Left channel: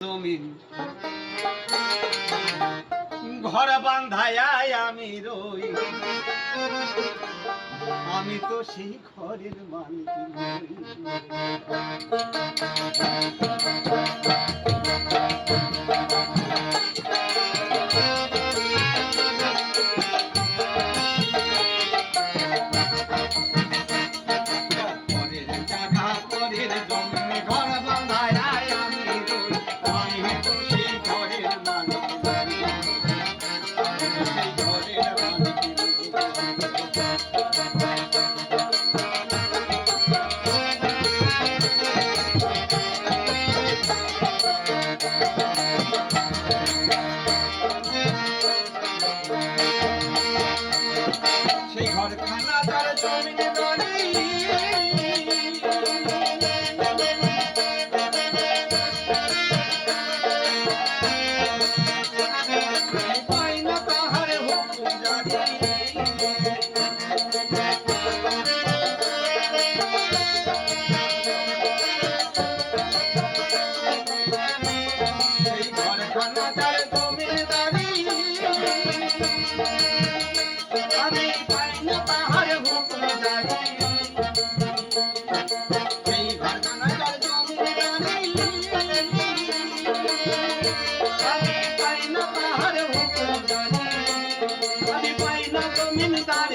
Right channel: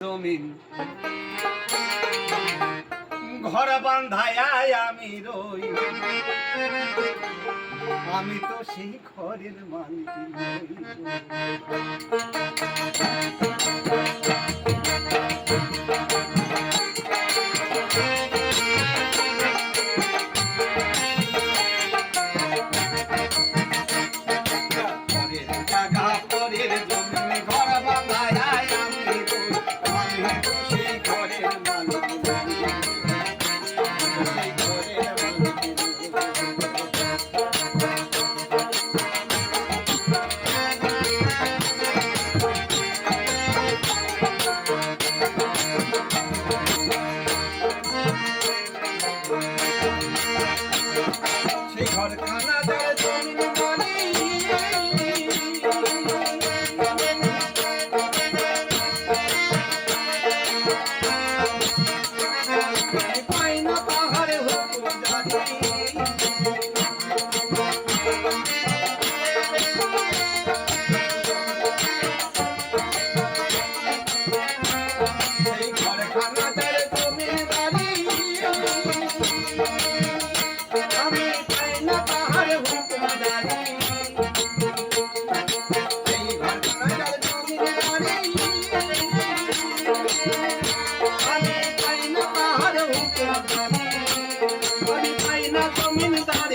জমিন। ঘর বান্ধায় আমি রই। আমি তো সেই ঘরের মালিক Got it.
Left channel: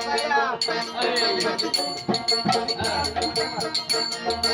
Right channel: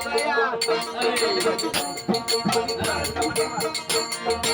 哎呀，哎